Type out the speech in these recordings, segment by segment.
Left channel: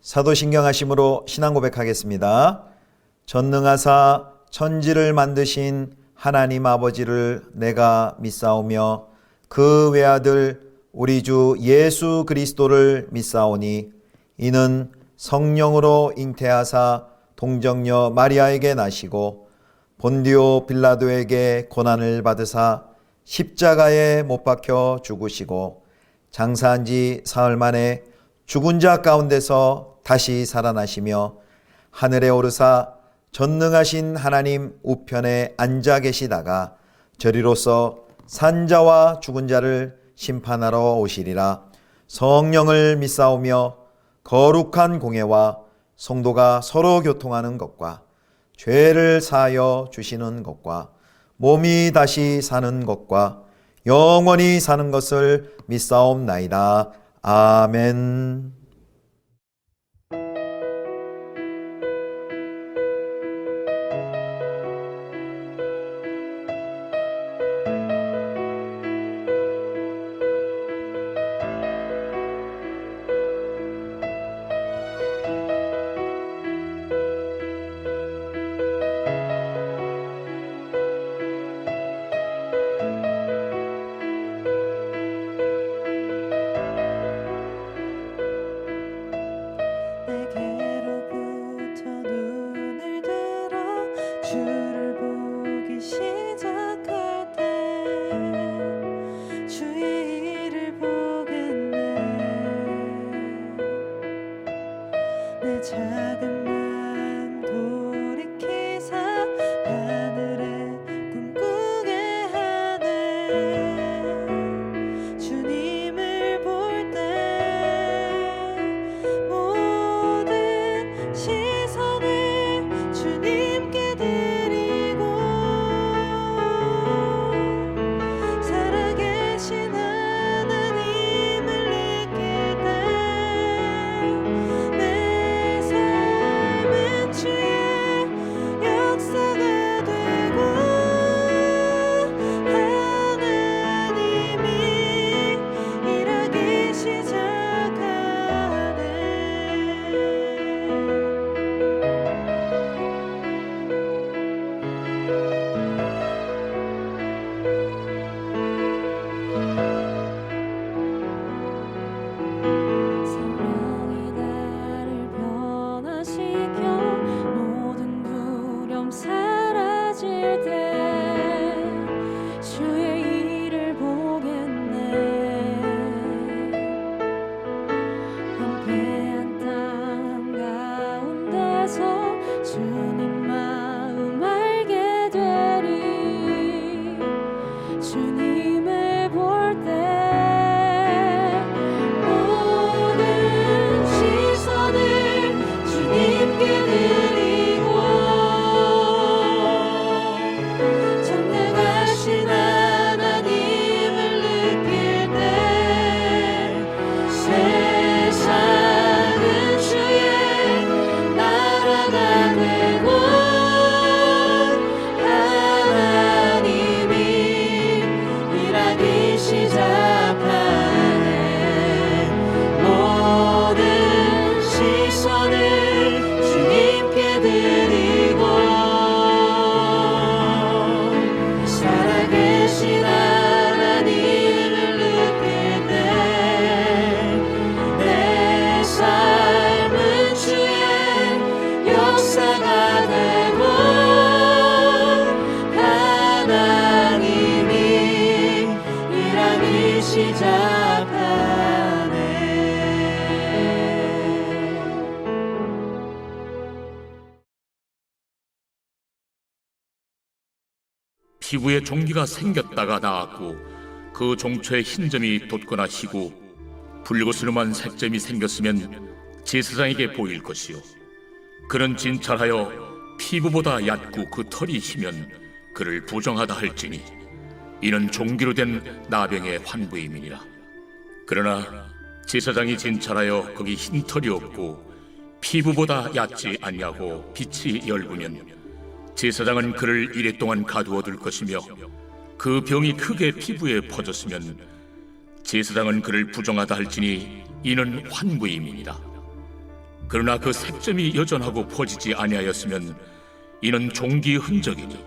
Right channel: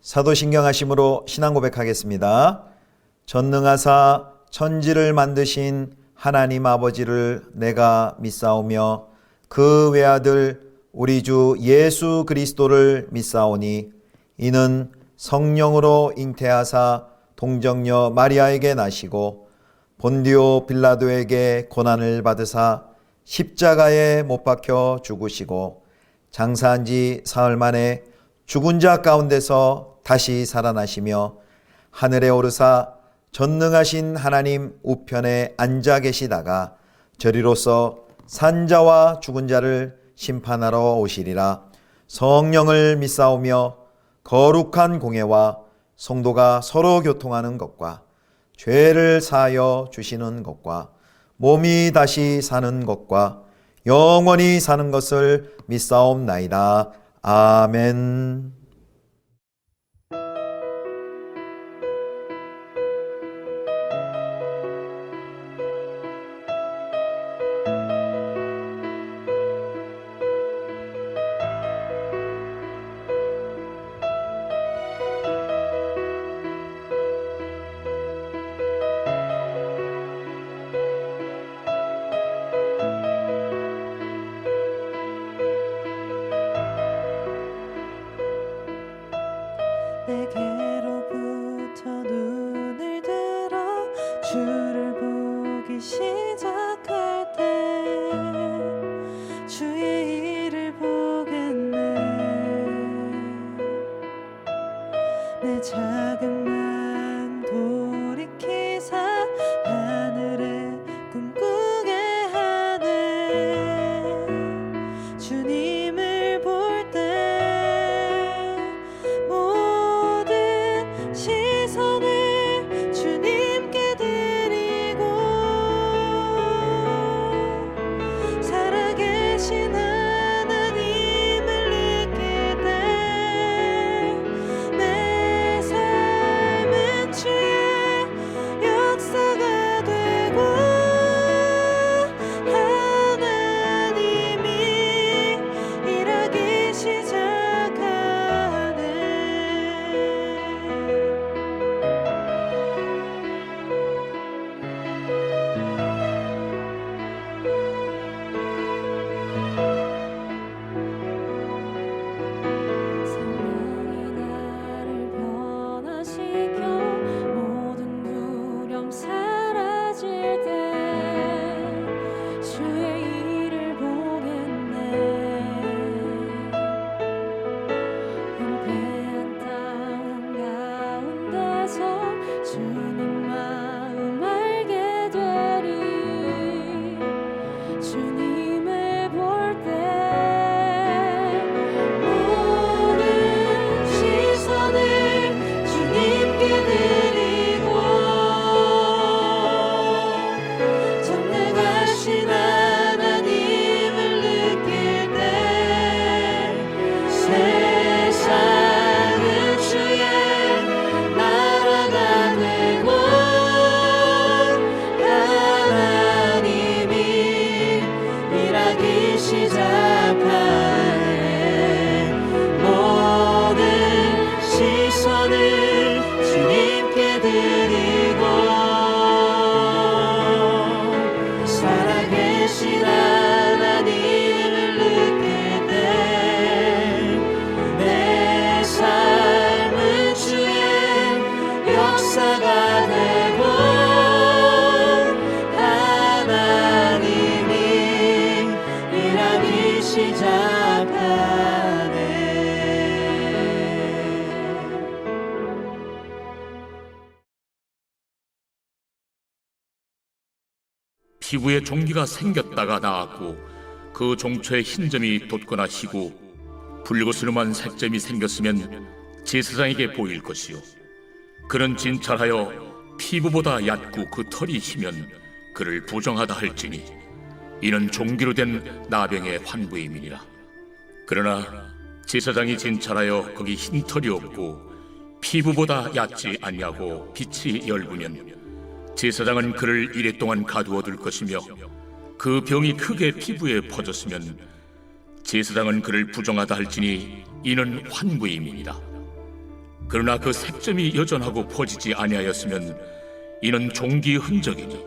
사도신경하심으로 신앙 고백하겠습니다. 전능하사 천지를 만드신 하나님 아버지를 내가 믿사오며 그 외아들 우리 주 예수 그리스도를 믿사오니 이는 성령으로 잉태하사 동정녀 마리아에게 나시고 본디오 빌라도에게 고난을 받으사 십자가에 못 박혀 죽으시고 장사한 지 사흘 만에 죽은 자 가운데서 다시 살아나시며 하늘에 오르사 전능하신 하나님 우편에 앉아 계시다가 저리로서 산자와 죽은 자를 심판하러 오시리라. 성령을 믿사오며 거룩한 공회와 성도가 서로 교통하는 것과 죄를 사하여 주시는 것과 몸이 다시 사는 것과 영원히 사는 것을 믿사옵나이다. 아멘. 내게로부터 눈을 들어 주를 보기 시작할 때 주의 일을 보겠네. 내 작은 마음 돌이키사 하늘에 꿈꾸게 하네. 주님을 볼 때 모든 시선을 주님께 드리고 살아계신 하나님을 느낄 때 내 삶은 주의 역사가 되고 하나님이 일하기 시작하네. 성령이 나를 변화시켜 모든 두려움 사라질 때 주의 일을 보겠네. 황폐한 땅 가운데서 주님 마음 알게 되리. 주님을 볼 때 모든 시선을 주님께 드리고 전능하신 하나님을 느낄 때 세상은 주의 나라가 되고 하나님이 일하기 시작하네. 모든 시선을 주님께 드리고 살아계신 하나님을 느낄 때 내 삶은 주의 역사가 되고 하나님이 일하기 시작하네. 피부에 종기가 생겼다가 나았고 그 종초에 흰점이 돋거나 희고 붉으스름한 색점이 생겼으면 제사장에게 보일 것이요 그는 진찰하여 피부보다 얕고 그 털이 희면 그를 부정하다 할지니 이는 종기로 된 나병의 환부임이니라. 그러나 제사장이 진찰하여 거기 흰 털이 없고 피부보다 얕지 아니하고 빛이 엷으면 제사장은 그를 이레 동안 가두어 둘 것이며 그 병이 크게 피부에 퍼졌으면 제사장은 그를 부정하다 할지니 이는 환부임이니라. 그러나 그 색점이 여전하고 퍼지지 아니하였으면 이는 종기의 흔적이니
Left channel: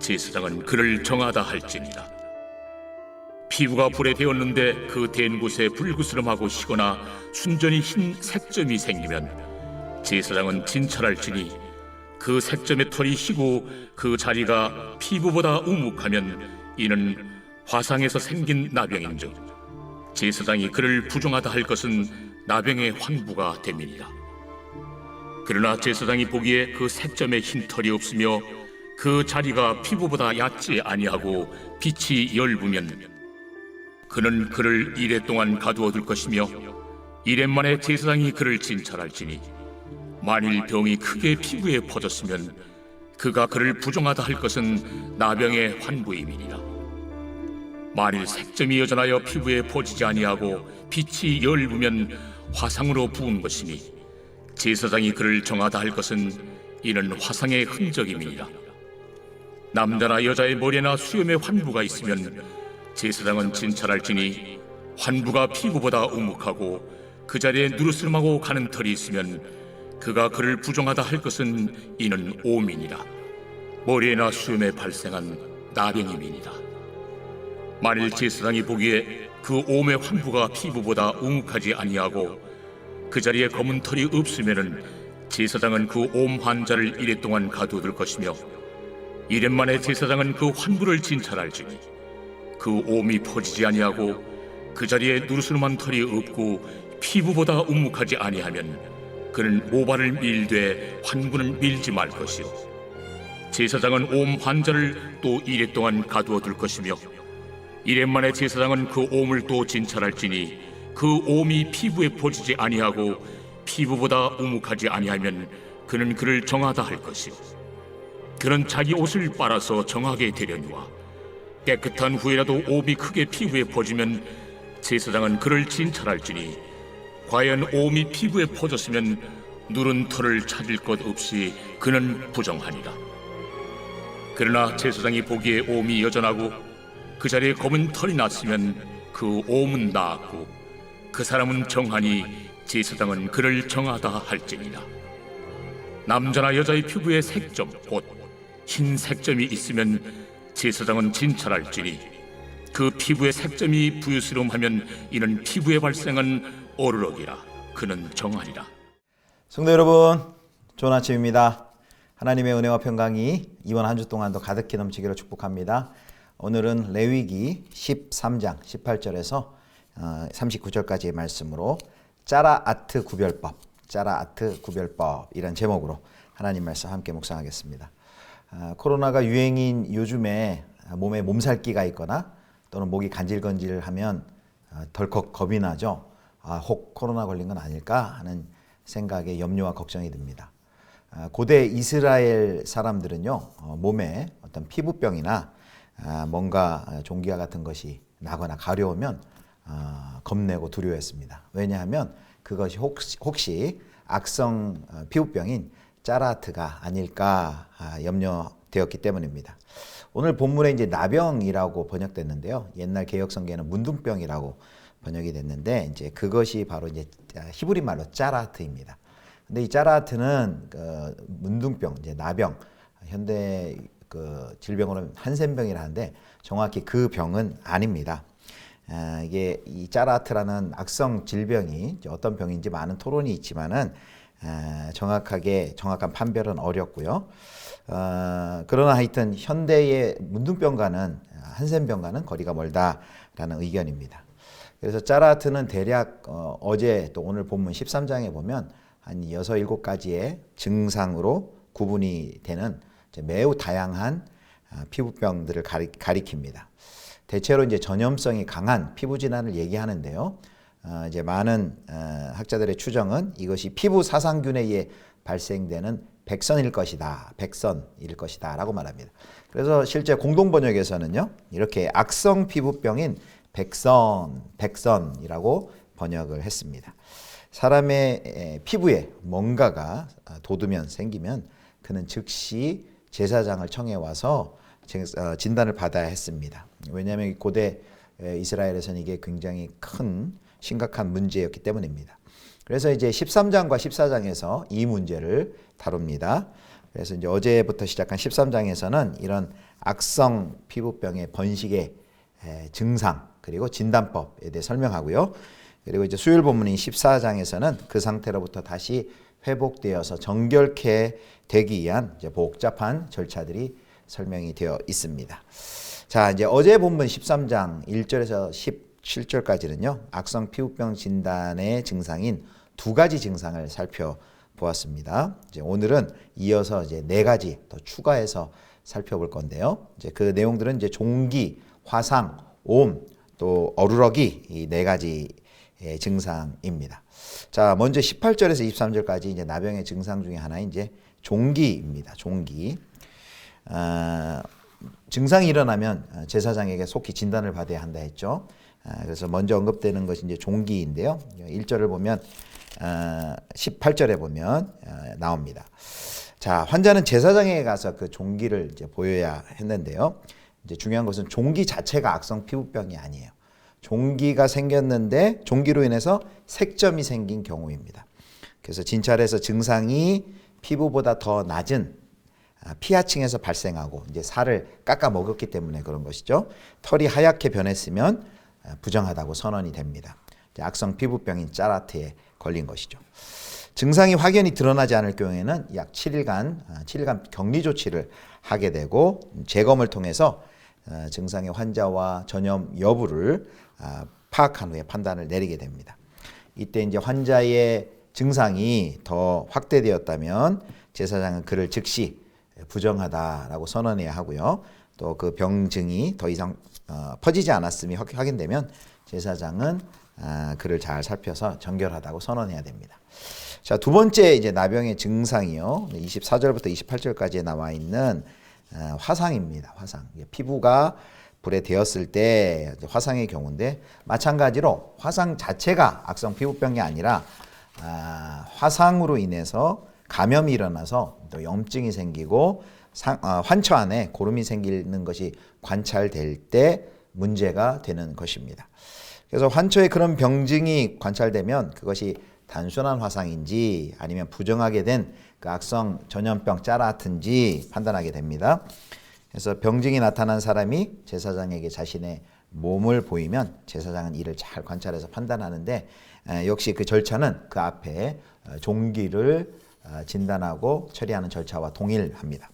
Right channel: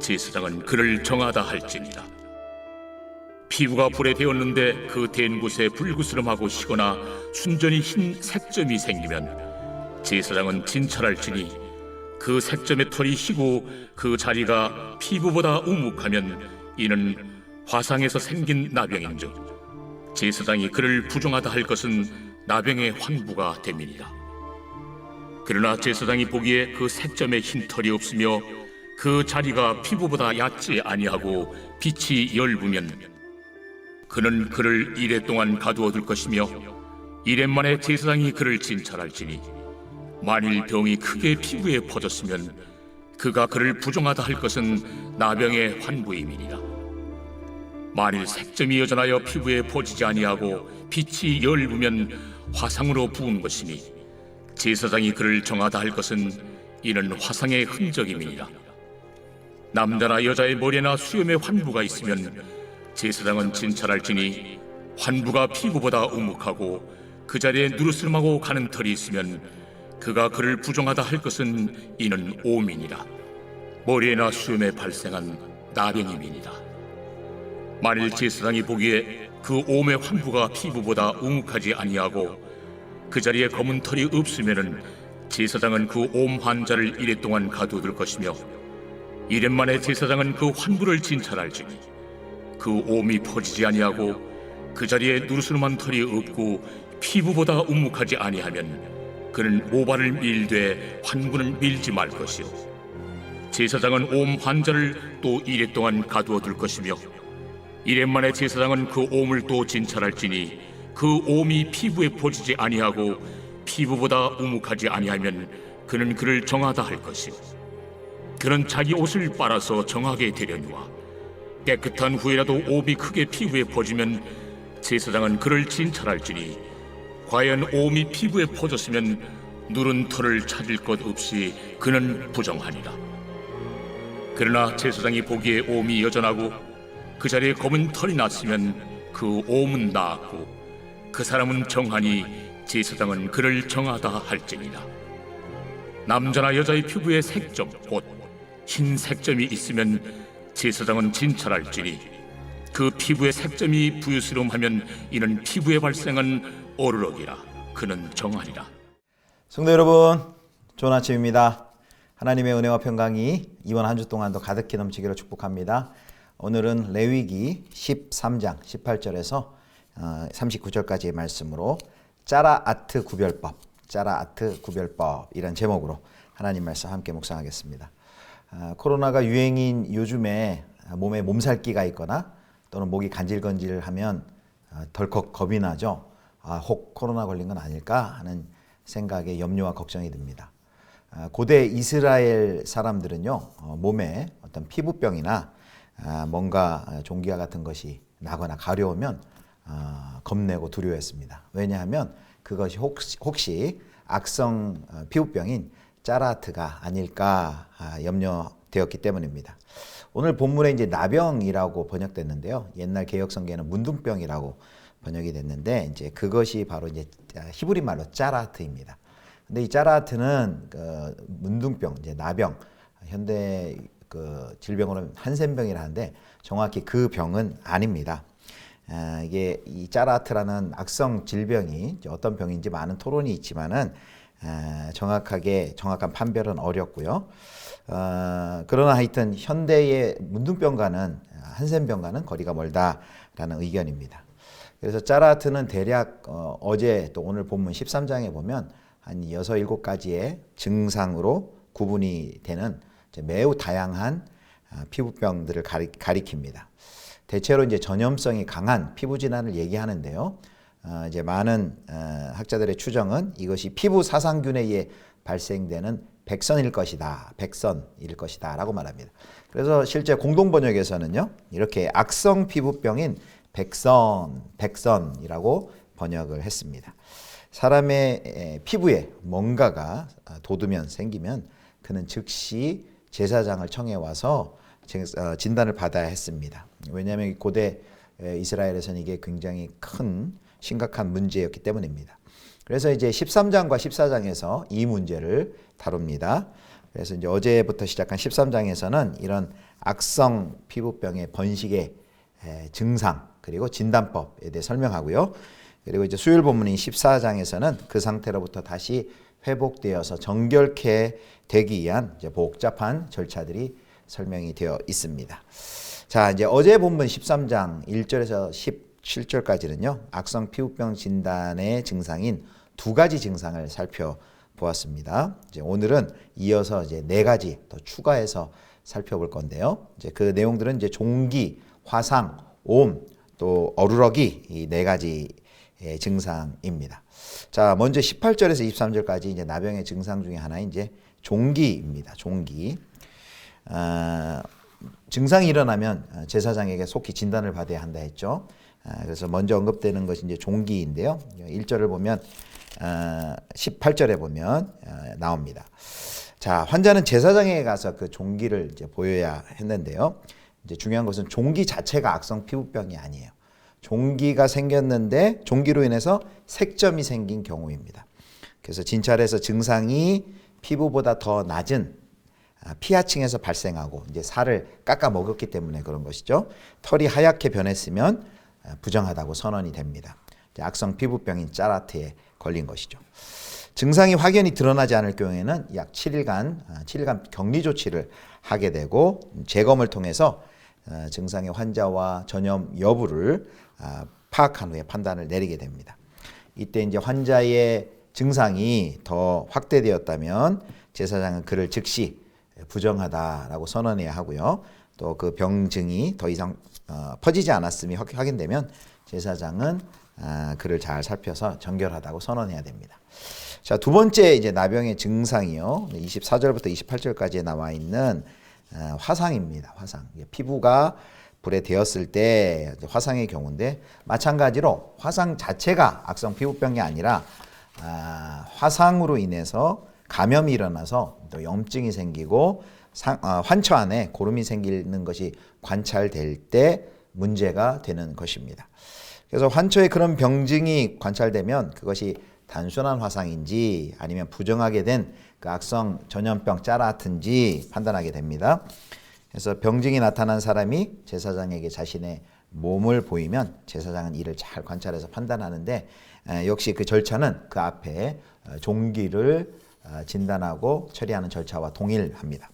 제사장은 그를 정하다 할지니라. 피부가 불에 데었는데 그 댄 곳에 불구스름하고 시거나 순전히 흰 색점이 생기면 제사장은 진찰할지니 그 색점의 털이 희고 그 자리가 피부보다 우묵하면 이는 화상에서 생긴 나병인즉 제사장이 그를 부정하다 할 것은 나병의 환부가 됨이니라. 그러나 제사장이 보기에 그 색점에 흰 털이 없으며 그 자리가 피부보다 얕지 아니하고 빛이 엷으면 그는 그를 이레 동안 가두어 둘 것이며 이레 만에 제사장이 그를 진찰할지니 만일 병이 크게 피부에 퍼졌으면 그가 그를 부정하다 할 것은 나병의 환부임이니라. 만일 색점이 여전하여 피부에 퍼지지 아니하고 빛이 엷으면 화상으로 부은 것이니 제사장이 그를 정하다 할 것은 이는 화상의 흔적임이니라. 남자나 여자의 머리나 수염에 환부가 있으면 제사장은 진찰할지니 환부가 피부보다 우묵하고 그 자리에 누르스름하고 가는 털이 있으면 그가 그를 부정하다 할 것은 이는 오민이라. 머리에나 수염에 발생한 나병임이니라. 만일 제사장이 보기에 그 옴의 환부가 피부보다 우묵하지 아니하고 그 자리에 검은 털이 없으면은 제사장은 그 옴 환자를 이레 동안 가두어둘 것이며 이레 만에 제사장은 그 환부를 진찰할지니 그 옴이 퍼지지 아니하고 그 자리에 누르스름한 털이 없고 피부보다 우묵하지 아니하면 그는 모발을 밀되 환부는 밀지 말 것이요 제사장은 옴 환자를 또 이레 동안 가두어둘 것이며 이레 만에 제사장은 그 옴을 또 진찰할지니 그 옴이 피부에 퍼지지 아니하고 피부보다 우묵하지 아니하면 그는 그를 정하다 할 것이요 그는 자기 옷을 빨아서 정하게 되려니와 깨끗한 후에라도 옴이 크게 피부에 퍼지면 제사장은 그를 진찰할지니 과연 옴이 피부에 퍼졌으면 누른 털을 찾을 것 없이 그는 부정하니라. 그러나 제사장이 보기에 옴이 여전하고 그 자리에 검은 털이 났으면 그 옴은 나았고 그 사람은 정하니 제사장은 그를 정하다 할지니라. 남자나 여자의 피부에 색점 곧 흰 색점이 있으면 제사장은 진찰할지니 그 피부에 색점이 부유스러움하면 이는 피부에 발생한 어르럭이라. 그는 정하리라. 성도 여러분, 좋은 아침입니다. 하나님의 은혜와 평강이 이번 한 주 동안도 가득히 넘치기를 축복합니다. 오늘은 레위기 13장 18절에서 39절까지의 말씀으로 짜라아트 구별법 이란 제목으로 하나님 말씀 함께 묵상하겠습니다. 코로나가 유행인 요즘에 몸에 몸살기가 있거나 또는 목이 간질간질하면 덜컥 겁이 나죠. 혹 코로나 걸린 건 아닐까 하는 생각에 염려와 걱정이 듭니다. 고대 이스라엘 사람들은요, 몸에 어떤 피부병이나 뭔가 종기와 같은 것이 나거나 가려우면 겁내고 두려워했습니다. 왜냐하면 그것이 혹시 악성 피부병인 짜라트가 아닐까 염려되었기 때문입니다. 오늘 본문에 이제 나병이라고 번역됐는데요. 옛날 개혁성경에는 문둥병이라고 번역이 됐는데 이제 그것이 바로 이제 히브리 말로 짜라트입니다. 근데 이 짜라트는 문둥병, 이제 나병, 현대 질병으로는 한센병이라는데 정확히 그 병은 아닙니다. 이게 이 짜라트라는 악성 질병이 어떤 병인지 많은 토론이 있지만은 정확한 판별은 어렵고요. 그러나 하여튼 현대의 문둥병과는 한센병과는 거리가 멀다라는 의견입니다. 그래서 짜라트는 대략 어제 또 오늘 본문 13장에 보면 한 6, 7가지의 증상으로 구분이 되는 매우 다양한 피부병들을 가리킵니다. 대체로 이제 전염성이 강한 피부 질환을 얘기하는데요. 이제 많은 학자들의 추정은 이것이 피부 사상균에 의해 발생되는 백선일 것이다라고 말합니다. 그래서 실제 공동 번역에서는요, 이렇게 악성 피부병인 백선이라고 번역을 했습니다. 사람의 피부에 뭔가가 돋으면 생기면 그는 즉시 제사장을 청해 와서 진단을 받아야 했습니다. 왜냐하면 고대 이스라엘에서는 이게 굉장히 큰 심각한 문제였기 때문입니다. 그래서 이제 13장과 14장에서 이 문제를 다룹니다. 그래서 이제 어제부터 시작한 13장에서는 이런 악성 피부병의 번식의 증상 그리고 진단법에 대해 설명하고요. 그리고 이제 수요일 본문인 14장에서는 그 상태로부터 다시 회복되어서 정결케 되기 위한 이제 복잡한 절차들이 설명이 되어 있습니다. 자, 이제 어제 본문 13장 1절에서 17절까지는요. 악성 피부병 진단의 증상인 두 가지 증상을 살펴보았습니다. 이제 오늘은 이어서 이제 네 가지 더 추가해서 살펴볼 건데요. 이제 그 내용들은 이제 종기, 화상, 옴, 또 어루러기 이 네 가지 증상입니다. 자, 먼저 18절에서 23절까지 이제 나병의 증상 중에 하나인 이제 종기입니다. 종기. 증상이 일어나면 제사장에게 속히 진단을 받아야 한다 했죠. 그래서 먼저 언급되는 것이 이제 종기인데요. 1절을 보면 18절에 보면 나옵니다. 자, 환자는 제사장에게 가서 그 종기를 이제 보여야 했는데요. 이제 중요한 것은 종기 자체가 악성 피부병이 아니에요. 종기가 생겼는데 종기로 인해서 색점이 생긴 경우입니다. 그래서 진찰에서 증상이 피부보다 더 낮은 피하층에서 발생하고 이제 살을 깎아 먹었기 때문에 그런 것이죠. 털이 하얗게 변했으면 부정하다고 선언이 됩니다. 악성 피부병인 짜라트에 걸린 것이죠. 증상이 확연히 드러나지 않을 경우에는 약 7일간 격리 조치를 하게 되고 재검을 통해서 증상의 환자와 전염 여부를 파악한 후에 판단을 내리게 됩니다. 이때 이제 환자의 증상이 더 확대되었다면 제사장은 그를 즉시 부정하다라고 선언해야 하고요. 또 그 병증이 더 이상 퍼지지 않았음이 확인되면 제사장은 그를 잘 살펴서 정결하다고 선언해야 됩니다. 자, 두 번째 이제 나병의 증상이요. 24절부터 28절까지에 나와 있는 화상입니다. 화상. 피부가 불에 데었을 때 화상의 경우인데 마찬가지로 화상 자체가 악성 피부병이 아니라 화상으로 인해서 감염이 일어나서 또 염증이 생기고 환처 안에 고름이 생기는 것이 관찰될 때 문제가 되는 것입니다. 그래서 환처에 그런 병증이 관찰되면 그것이 단순한 화상인지 아니면 부정하게 된 그 악성 전염병 짜라트인지 판단하게 됩니다. 그래서 병증이 나타난 사람이 제사장에게 자신의 몸을 보이면 제사장은 이를 잘 관찰해서 판단하는데 역시 그 절차는 그 앞에 종기를 진단하고 처리하는 절차와 동일합니다.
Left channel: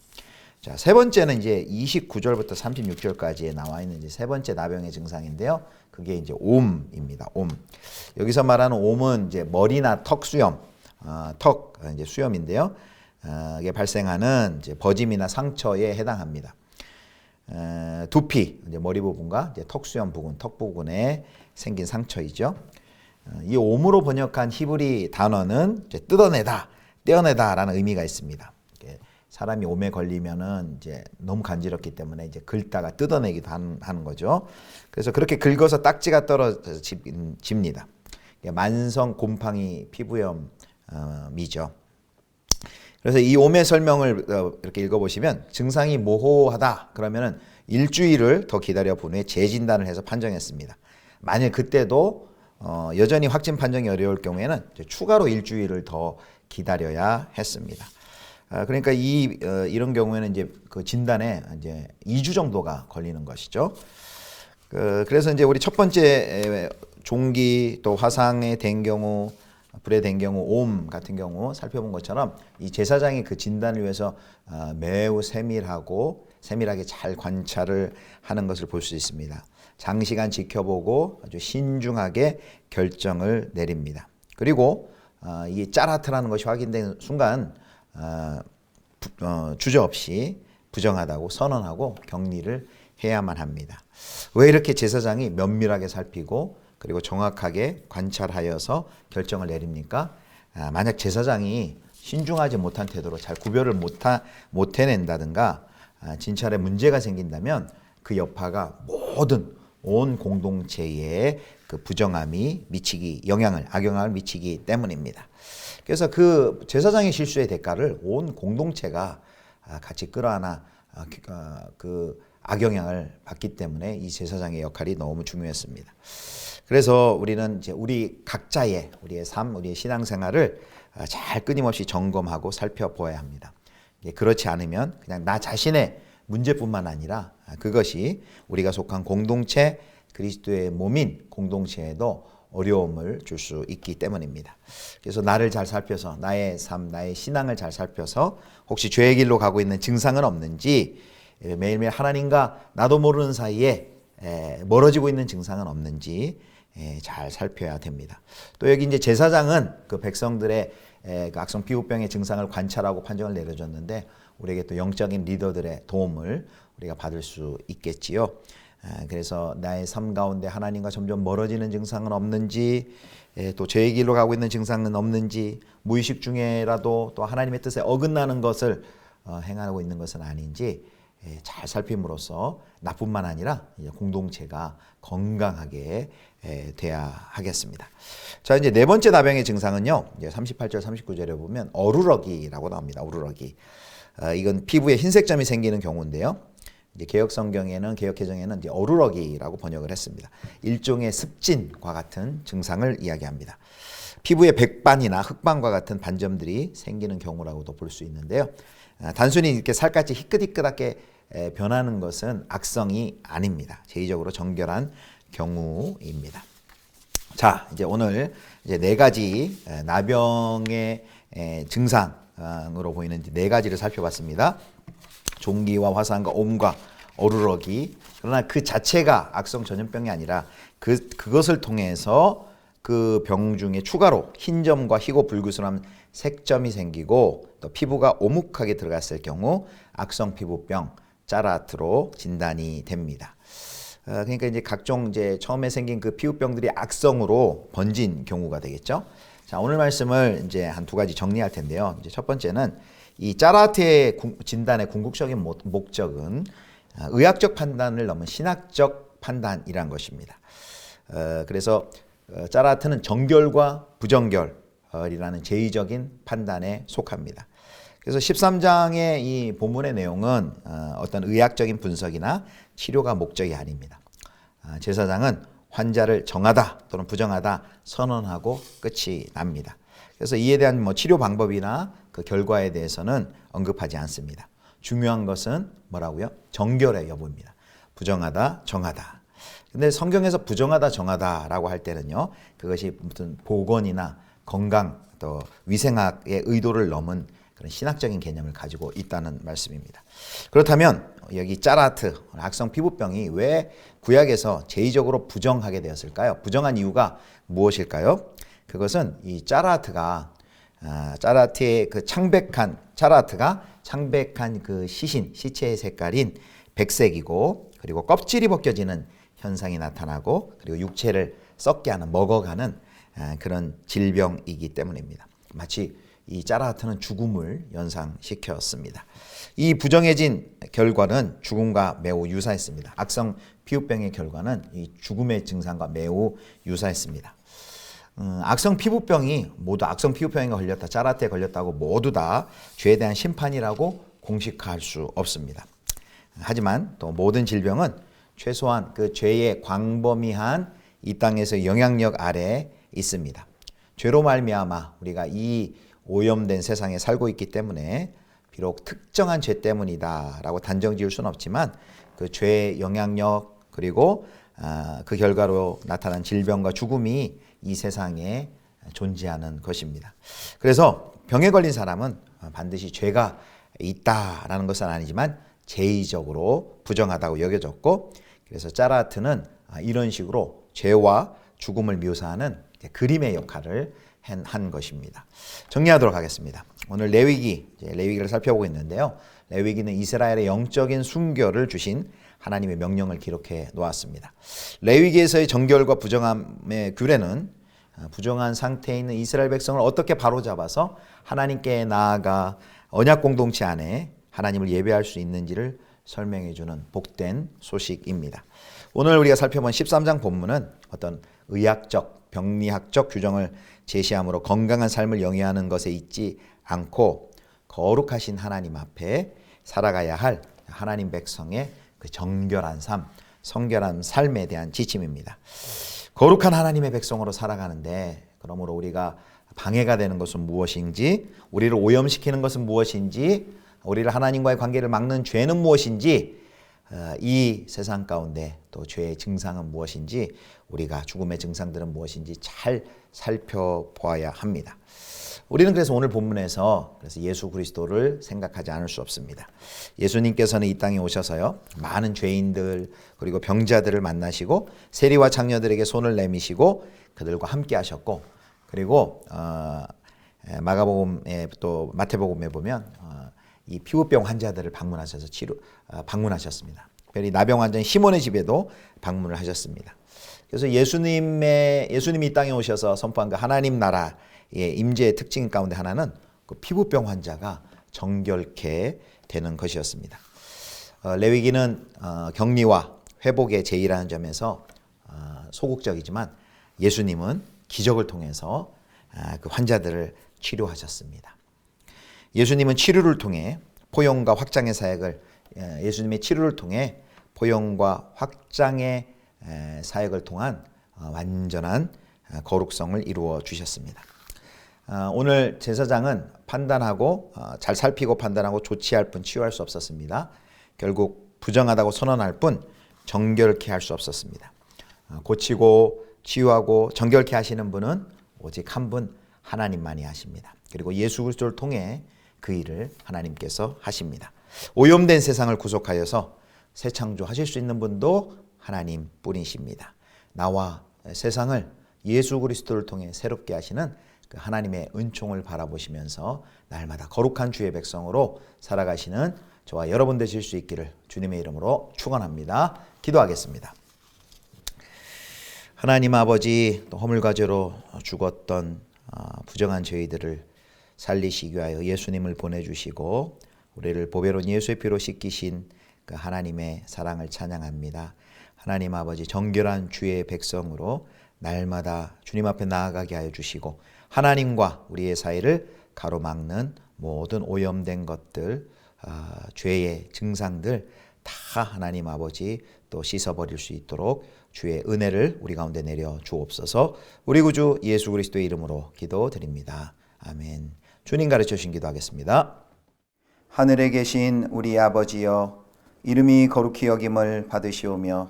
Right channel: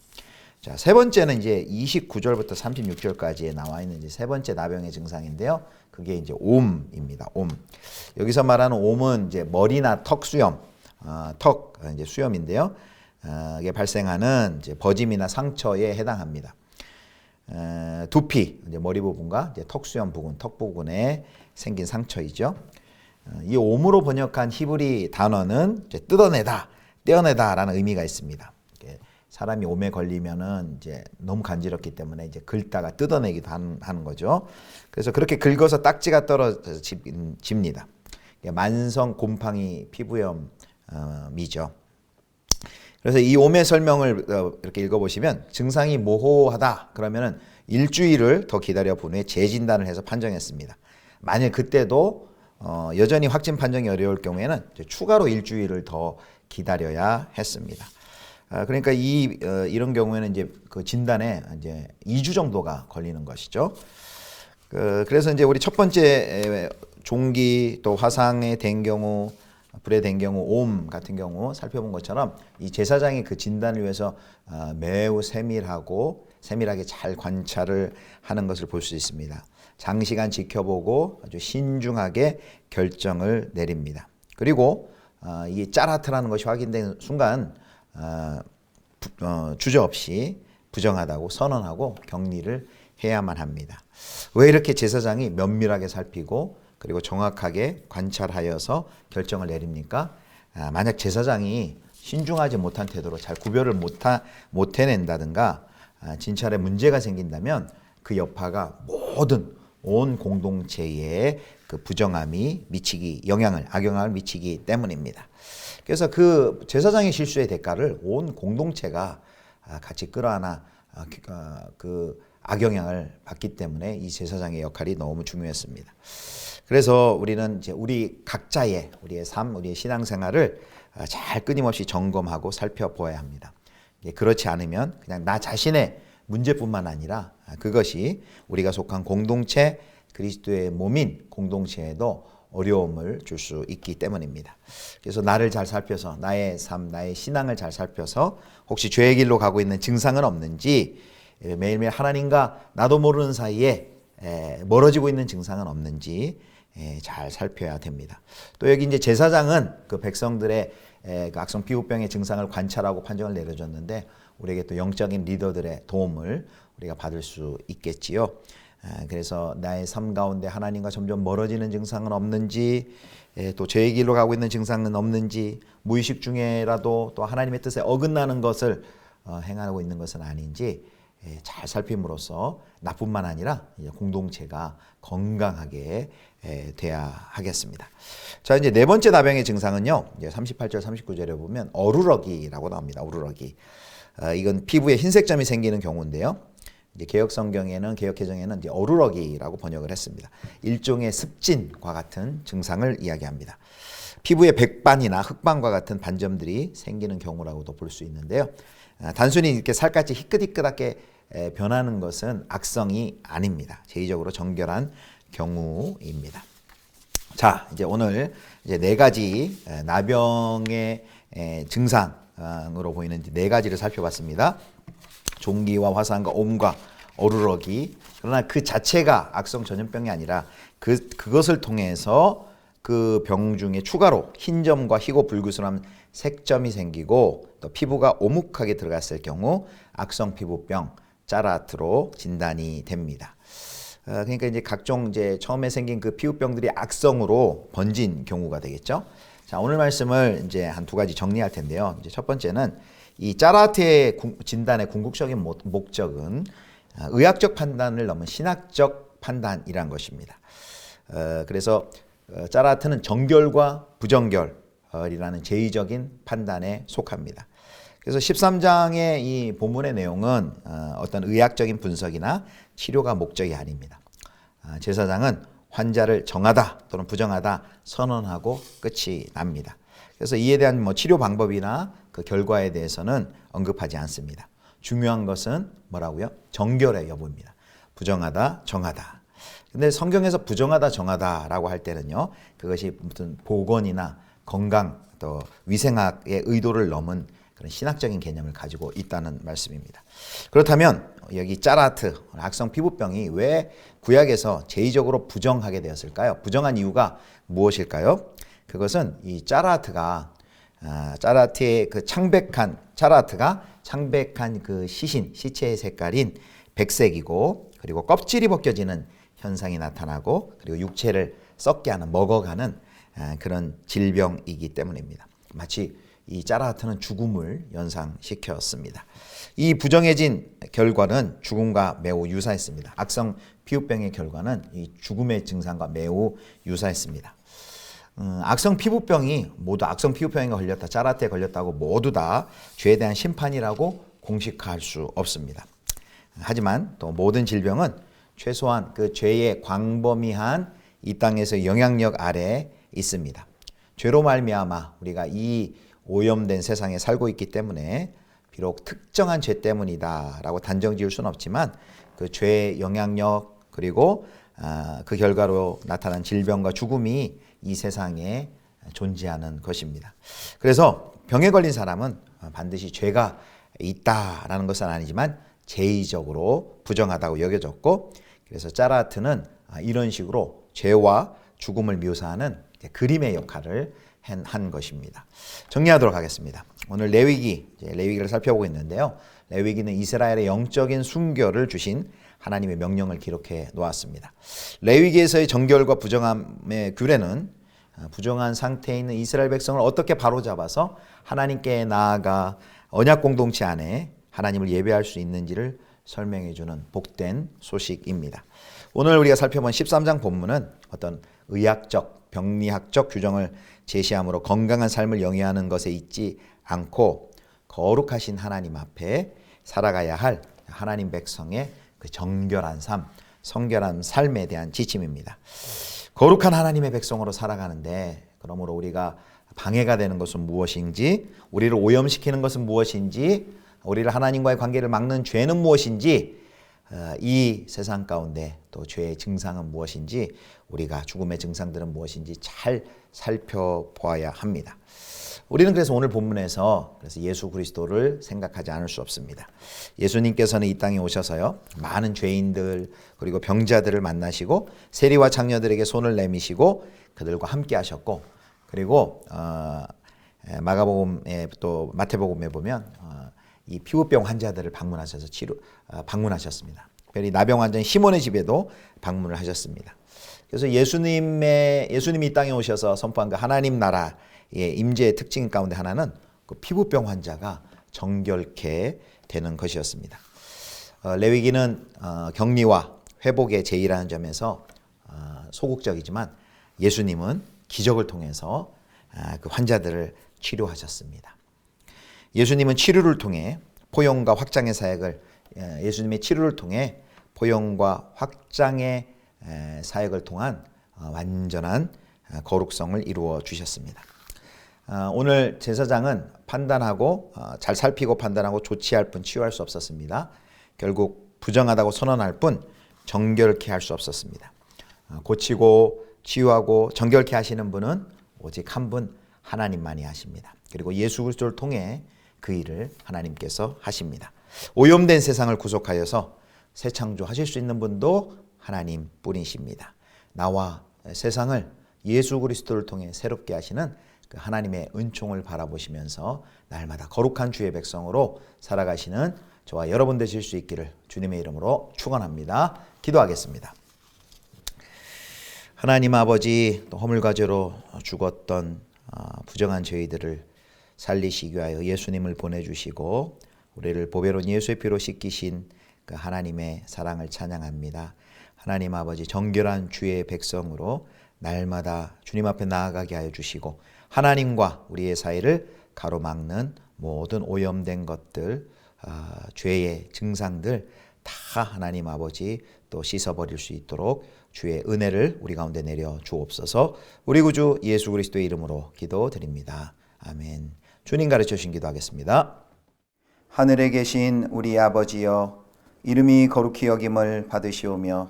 자, 세 번째는 이제 29절부터 36절까지에 나와 있는 이제 세 번째 나병의 증상인데요. 그게 이제 옴입니다. 옴. 여기서 말하는 옴은 이제 머리나 턱 수염, 턱 이제 수염인데요. 이게 발생하는 이제 버짐이나 상처에 해당합니다. 두피, 이제 머리 부분과 이제 턱 수염 부분, 턱 부분에 생긴 상처이죠. 이 옴으로 번역한 히브리 단어는 이제 뜯어내다, 떼어내다라는 의미가 있습니다. 사람이 옴에 걸리면은 이제 너무 간지럽기 때문에 이제 긁다가 뜯어내기도 하는 거죠. 그래서 그렇게 긁어서 딱지가 떨어집니다. 만성 곰팡이 피부염이죠. 그래서 이 옴의 설명을 이렇게 읽어보시면 증상이 모호하다 그러면은 일주일을 더 기다려 본 후에 재진단을 해서 판정했습니다. 만일 그때도 여전히 확진 판정이 어려울 경우에는 추가로 일주일을 더 기다려야 했습니다. 그러니까 이런 경우에는 이제 그 진단에 이제 2주 정도가 걸리는 것이죠. 그래서 이제 우리 첫 번째 종기 또 화상에 된 경우, 불에 된 경우, 옴 같은 경우 살펴본 것처럼 이 제사장이 그 진단을 위해서 매우 세밀하게 잘 관찰을 하는 것을 볼 수 있습니다. 장시간 지켜보고 아주 신중하게 결정을 내립니다. 그리고 이 짜라트라는 것이 확인된 순간 주저없이 부정하다고 선언하고 격리를 해야만 합니다. 왜 이렇게 제사장이 면밀하게 살피고 그리고 정확하게 관찰하여서 결정을 내립니까? 만약 제사장이 신중하지 못한 태도로 잘 구별을 못 해낸다든가 진찰에 문제가 생긴다면 그 여파가 온 공동체에 그 부정함이 악영향을 미치기 때문입니다. 그래서 그 제사장의 실수의 대가를 온 공동체가 같이 끌어안아 그 악영향을 받기 때문에 이 제사장의 역할이 너무 중요했습니다. 그래서 우리는 이제 우리 각자의 우리의 삶, 우리의 신앙생활을 잘 끊임없이 점검하고 살펴보아야 합니다. 그렇지 않으면 그냥 나 자신의 문제뿐만 아니라 그것이 우리가 속한 공동체, 그리스도의 몸인 공동체에도 어려움을 줄 수 있기 때문입니다. 그래서 나를 잘 살펴서 나의 삶, 나의 신앙을 잘 살펴서 혹시 죄의 길로 가고 있는 증상은 없는지, 매일매일 하나님과 나도 모르는 사이에 멀어지고 있는 증상은 없는지 잘 살펴야 됩니다. 또 여기 이제 제사장은 그 백성들의 그 악성 피부병의 증상을 관찰하고 판정을 내려줬는데 우리에게 또 영적인 리더들의 도움을 우리가 받을 수 있겠지요. 그래서 나의 삶 가운데 하나님과 점점 멀어지는 증상은 없는지, 또 죄의 길로 가고 있는 증상은 없는지, 무의식 중에라도 또 하나님의 뜻에 어긋나는 것을 행하고 있는 것은 아닌지 잘 살핌으로써 나뿐만 아니라 공동체가 건강하게 돼야 하겠습니다. 자, 이제 네 번째 나병의 증상은요, 이제 38절 39절에 보면 어루러기라고 나옵니다. 어루러기. 이건 피부에 흰색 점이 생기는 경우인데요. 이제 개혁 성경에는, 개혁 개정에는 이제 어루러기라고 번역을 했습니다. 일종의 습진과 같은 증상을 이야기합니다. 피부에 백반이나 흑반과 같은 반점들이 생기는 경우라고도 볼 수 있는데요. 단순히 이렇게 살갗이 희끗희끗하게 변하는 것은 악성이 아닙니다. 제의적으로 정결한 경우입니다. 자, 이제 오늘 이제 네 가지 나병의 증상으로 보이는 네 가지를 살펴봤습니다. 종기와 화상과 옴과 어루러기. 그러나 그 자체가 악성 전염병이 아니라 그것을 통해서 그 병 중에 추가로 흰 점과 희고 불구스름한 색점이 생기고 또 피부가 오목하게 들어갔을 경우 악성 피부병 짜라트로 진단이 됩니다. 그러니까 이제 각종 이제 처음에 생긴 그 피부병들이 악성으로 번진 경우가 되겠죠. 자, 오늘 말씀을 이제 한 두 가지 정리할 텐데요. 이제 첫 번째는 이 짜라트의 진단의 궁극적인 목적은 의학적 판단을 넘은 신학적 판단이란 것입니다. 그래서 짜라트는 정결과 부정결이라는 제의적인 판단에 속합니다. 그래서 13장의 이 본문의 내용은 어떤 의학적인 분석이나 치료가 목적이 아닙니다. 제사장은 환자를 정하다 또는 부정하다 선언하고 끝이 납니다. 그래서 이에 대한 뭐 치료 방법이나 그 결과에 대해서는 언급하지 않습니다. 중요한 것은 뭐라고요? 정결의 여부입니다. 부정하다, 정하다. 근데 성경에서 부정하다, 정하다라고 할 때는요, 그것이 무슨 보건이나 건강 또 위생학의 의도를 넘은 그런 신학적인 개념을 가지고 있다는 말씀입니다. 그렇다면 여기 짜라트, 악성 피부병이 왜 구약에서 제의적으로 부정하게 되었을까요? 부정한 이유가 무엇일까요? 그것은 이 짜라트의 그 짜라트가 창백한 그 시체의 색깔인 백색이고, 그리고 껍질이 벗겨지는 현상이 나타나고, 그리고 육체를 썩게 하는, 먹어가는 그런 질병이기 때문입니다. 마치 이 짜라트는 죽음을 연상시켰습니다. 이 부정해진 결과는 죽음과 매우 유사했습니다. 악성 피부병의 결과는 이 죽음의 증상과 매우 유사했습니다. 악성 피부병이 모두 악성 피부병에 걸렸다, 짜라트에 걸렸다고 모두 다 죄에 대한 심판이라고 공식화할 수 없습니다. 하지만 또 모든 질병은 최소한 그 죄의 광범위한 이 땅에서 영향력 아래에 있습니다. 죄로 말미암아 우리가 이 오염된 세상에 살고 있기 때문에 비록 특정한 죄 때문이다라고 단정 지을 수는 없지만 그 죄의 영향력, 그리고 그 결과로 나타난 질병과 죽음이 이 세상에 존재하는 것입니다. 그래서 병에 걸린 사람은 반드시 죄가 있다라는 것은 아니지만 제의적으로 부정하다고 여겨졌고, 그래서 짜라트는 이런 식으로 죄와 죽음을 묘사하는 그림의 역할을 한 것입니다. 정리하도록 하겠습니다. 오늘 레위기를 살펴보고 있는데요. 레위기는 이스라엘의 영적인 순결을 주신 하나님의 명령을 기록해 놓았습니다. 레위기에서의 정결과 부정함의 규례는 부정한 상태에 있는 이스라엘 백성을 어떻게 바로잡아서 하나님께 나아가 언약 공동체 안에 하나님을 예배할 수 있는지를 설명해 주는 복된 소식입니다. 오늘 우리가 살펴본 13장 본문은 어떤 의학적, 병리학적 규정을 제시함으로 건강한 삶을 영위하는 것에 있지 않고 거룩하신 하나님 앞에 살아가야 할 하나님 백성의 그 정결한 삶, 성결한 삶에 대한 지침입니다. 거룩한 하나님의 백성으로 살아가는데 그러므로 우리가 방해가 되는 것은 무엇인지, 우리를 오염시키는 것은 무엇인지, 우리를 하나님과의 관계를 막는 죄는 무엇인지, 이 세상 가운데 또 죄의 증상은 무엇인지, 우리가 죽음의 증상들은 무엇인지 잘 살펴보아야 합니다. 우리는 그래서 오늘 본문에서 예수 그리스도를 생각하지 않을 수 없습니다. 예수님께서는 이 땅에 오셔서요, 많은 죄인들 그리고 병자들을 만나시고 세리와 장녀들에게 손을 내미시고 그들과 함께 하셨고, 그리고 마가복음에 또 마태복음에 보면 이 피부병 환자들을 방문하셔서 방문하셨습니다. 특별히 나병 환자인 시몬의 집에도 방문을 하셨습니다. 그래서 예수님이 이 땅에 오셔서 선포한 그 하나님 나라의 임재의 특징 가운데 하나는 그 피부병 환자가 정결케 되는 것이었습니다. 레위기는 격리와 회복의 제의라는 점에서 소극적이지만 예수님은 기적을 통해서 그 환자들을 치료하셨습니다. 예수님은 치료를 통해 포용과 확장의 사역을 예수님의 치료를 통해 포용과 확장의 사역을 통한 완전한 거룩성을 이루어 주셨습니다. 오늘 제사장은 판단하고 잘 살피고 판단하고 조치할 뿐 치유할 수 없었습니다. 결국 부정하다고 선언할 뿐 정결케 할 수 없었습니다. 고치고 치유하고 정결케 하시는 분은 오직 한 분 하나님만이 하십니다. 그리고 예수 그리스도를 통해 그 일을 하나님께서 하십니다. 오염된 세상을 구속하여서 새 창조하실 수 있는 분도 하나님 뿐이십니다. 나와 세상을 예수 그리스도를 통해 새롭게 하시는 그 하나님의 은총을 바라보시면서 날마다 거룩한 주의 백성으로 살아가시는 저와 여러분 되실 수 있기를 주님의 이름으로 축원합니다. 기도하겠습니다. 하나님 아버지, 또 허물과제로 죽었던 부정한 저희들을 살리시기 위하여 예수님을 보내주시고 우리를 보배로운 예수의 피로 씻기신 그 하나님의 사랑을 찬양합니다. 하나님 아버지, 정결한 주의 백성으로 날마다 주님 앞에 나아가게 하여 주시고 하나님과 우리의 사이를 가로막는 모든 오염된 것들, 죄의 증상들 다 하나님 아버지 또 씻어버릴 수 있도록 주의 은혜를 우리 가운데 내려 주옵소서. 우리 구주 예수 그리스도의 이름으로 기도드립니다. 아멘. 주님 가르쳐 주신 기도하겠습니다. 하늘에 계신 우리 아버지여, 이름이 거룩히 여김을 받으시오며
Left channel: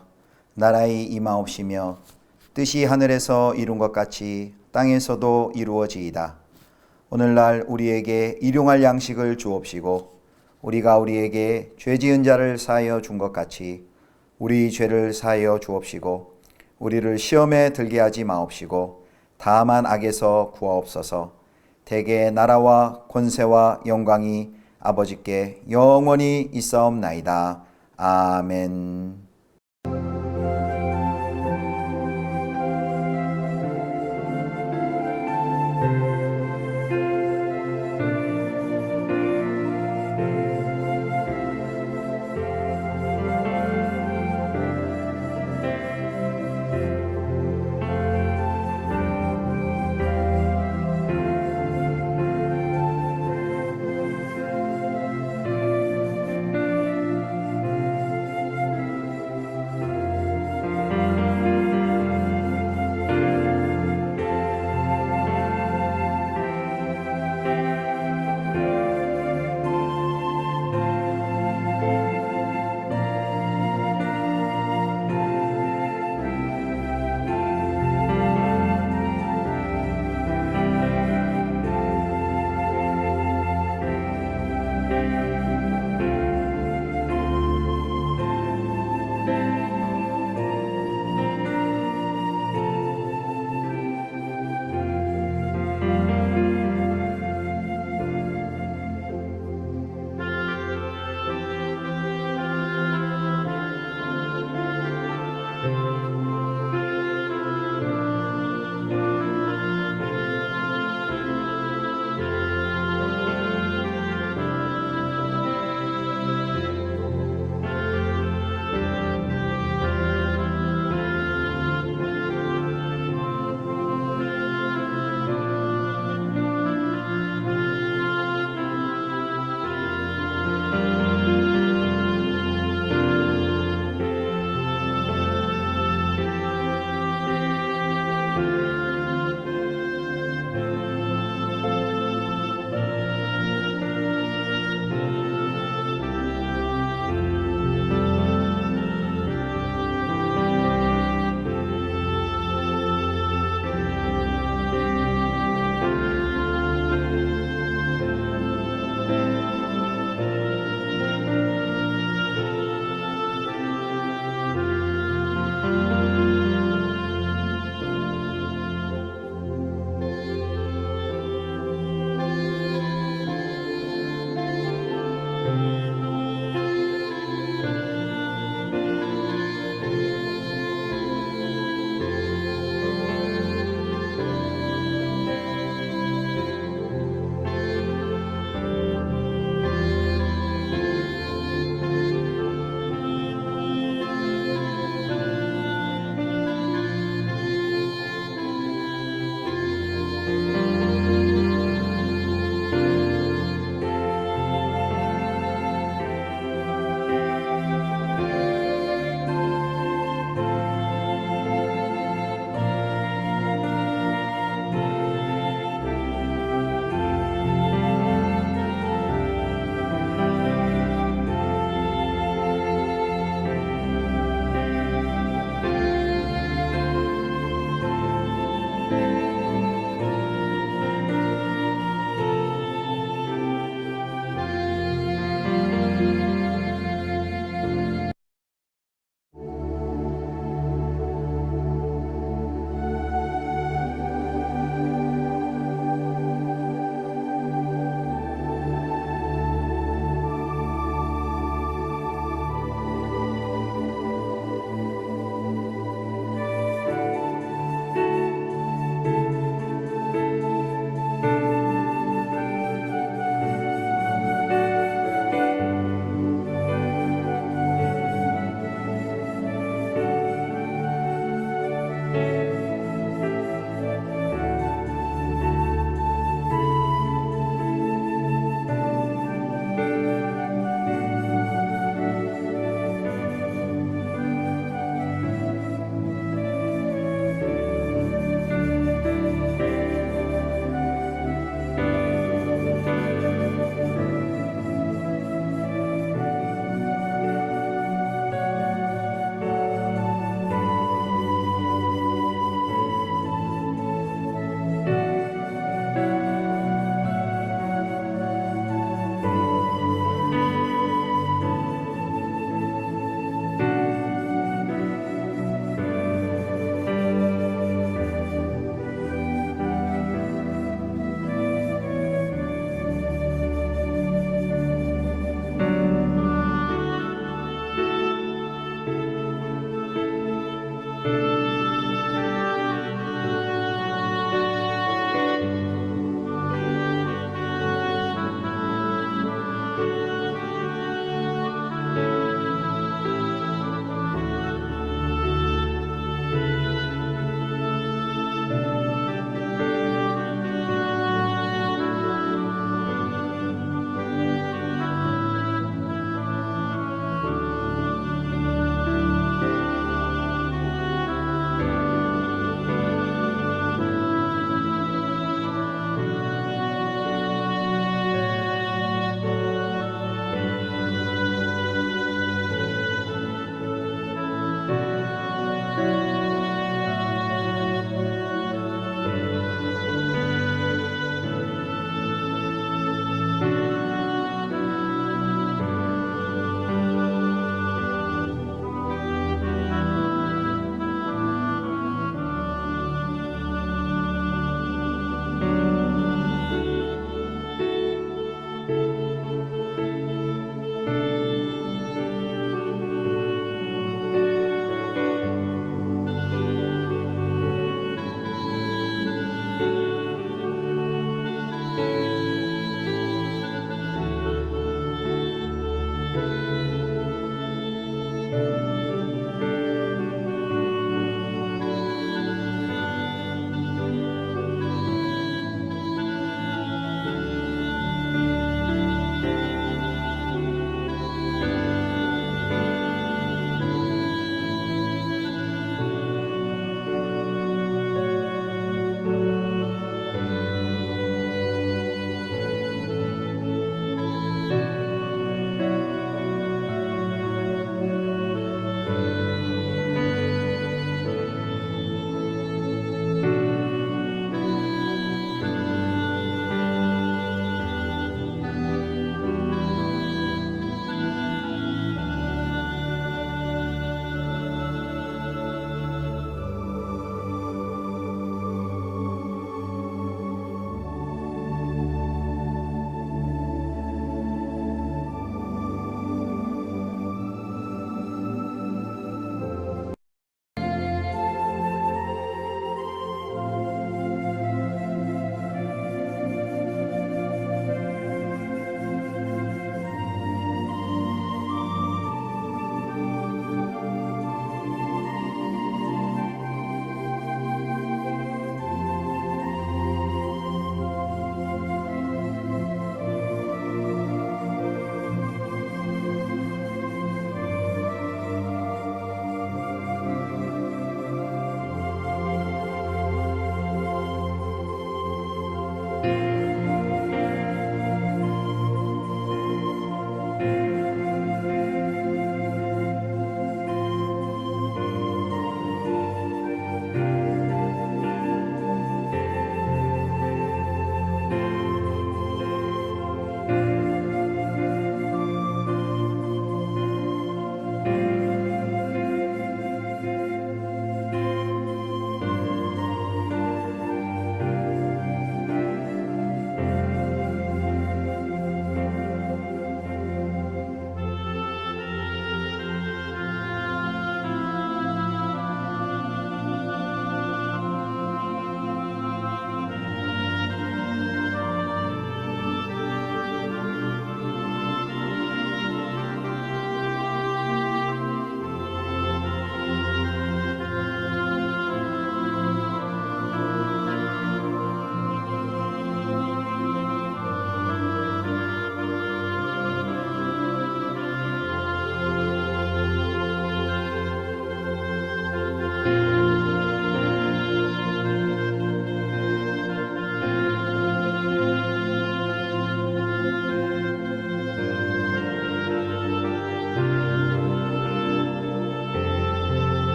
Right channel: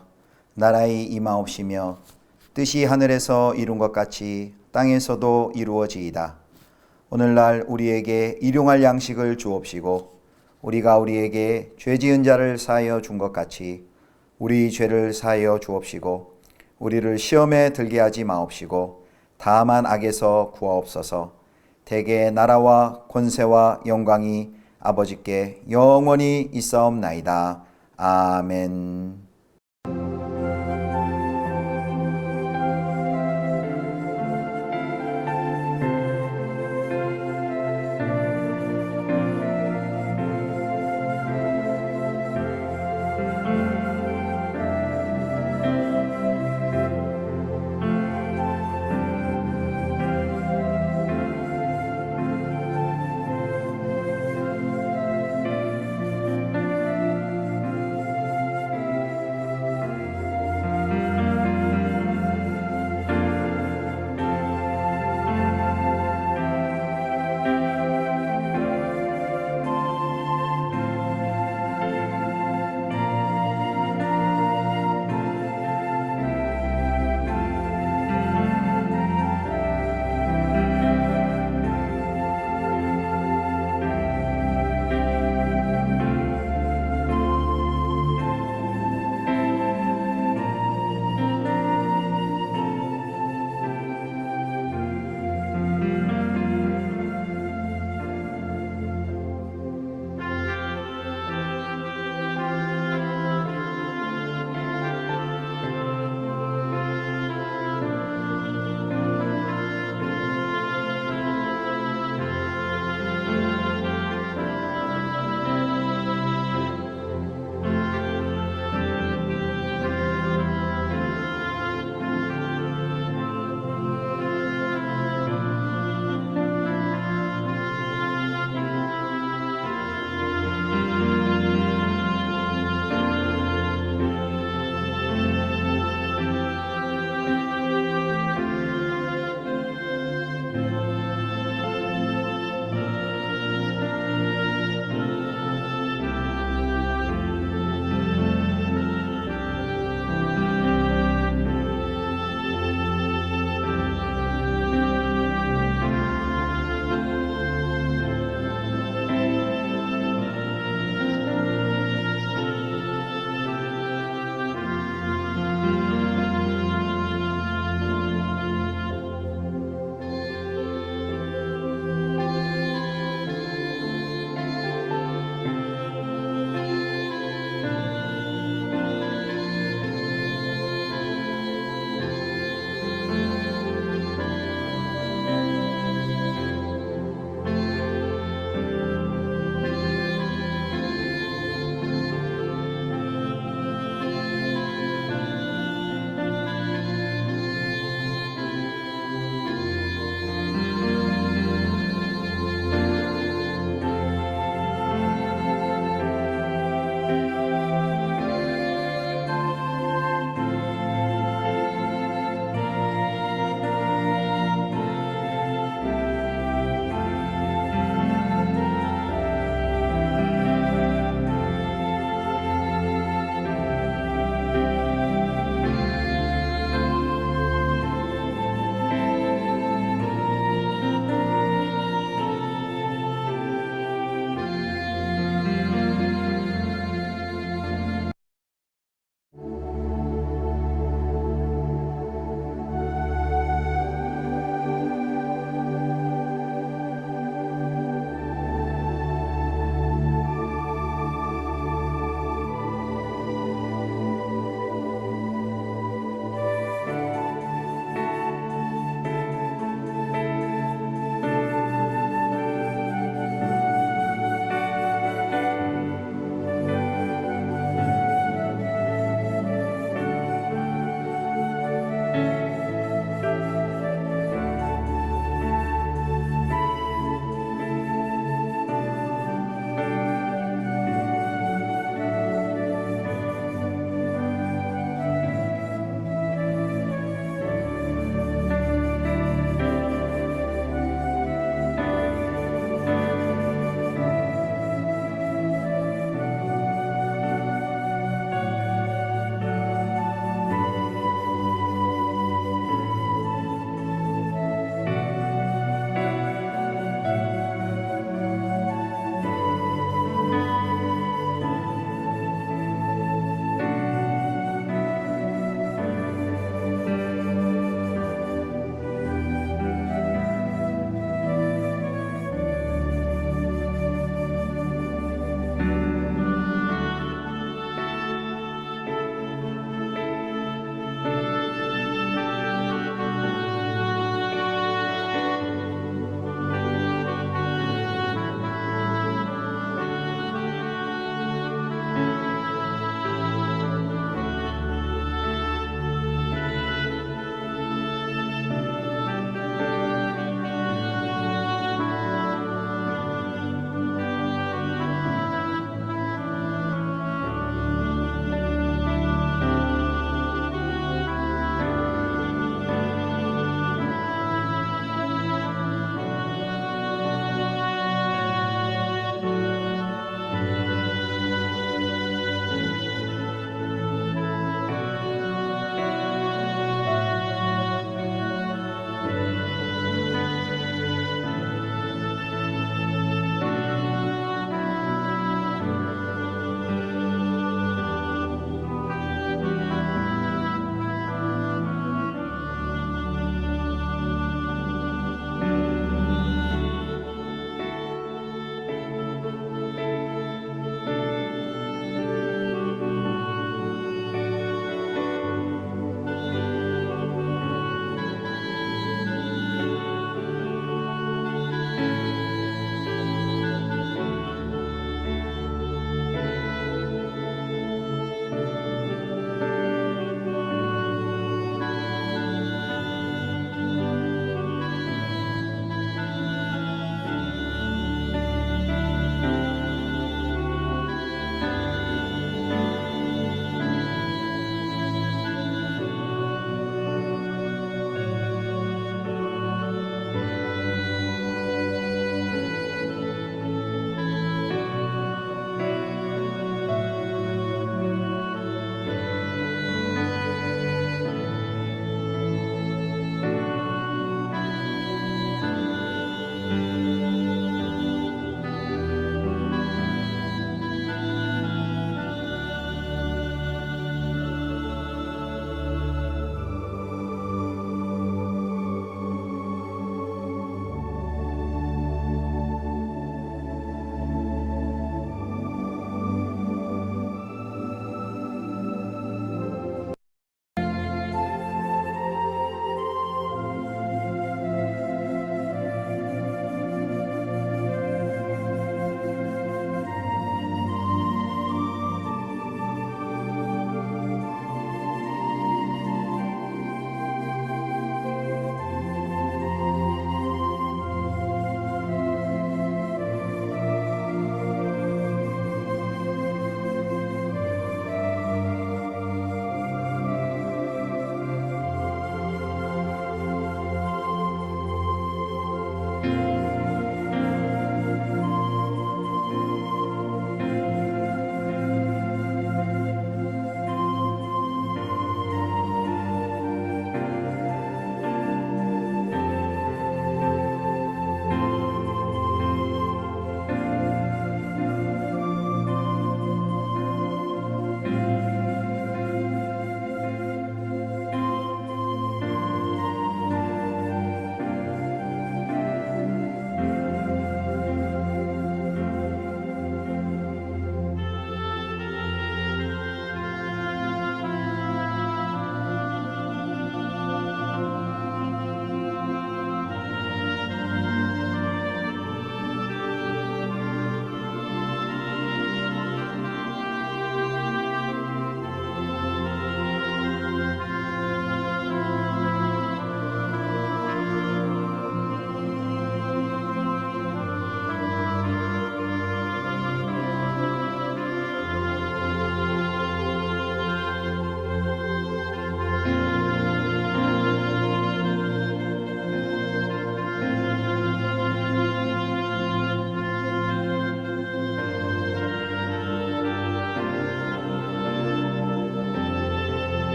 나라의 임하옵시며 뜻이 하늘에서 이룬 것 같이 땅에서도 이루어지이다. 오늘날 우리에게 일용할 양식을 주옵시고 우리가 우리에게 죄 지은 자를 사하여 준 것 같이 우리 죄를 사하여 주옵시고 우리를 시험에 들게 하지 마옵시고 다만 악에서 구하옵소서. 대개 나라와 권세와 영광이 아버지께 영원히 있사옵나이다. 아멘.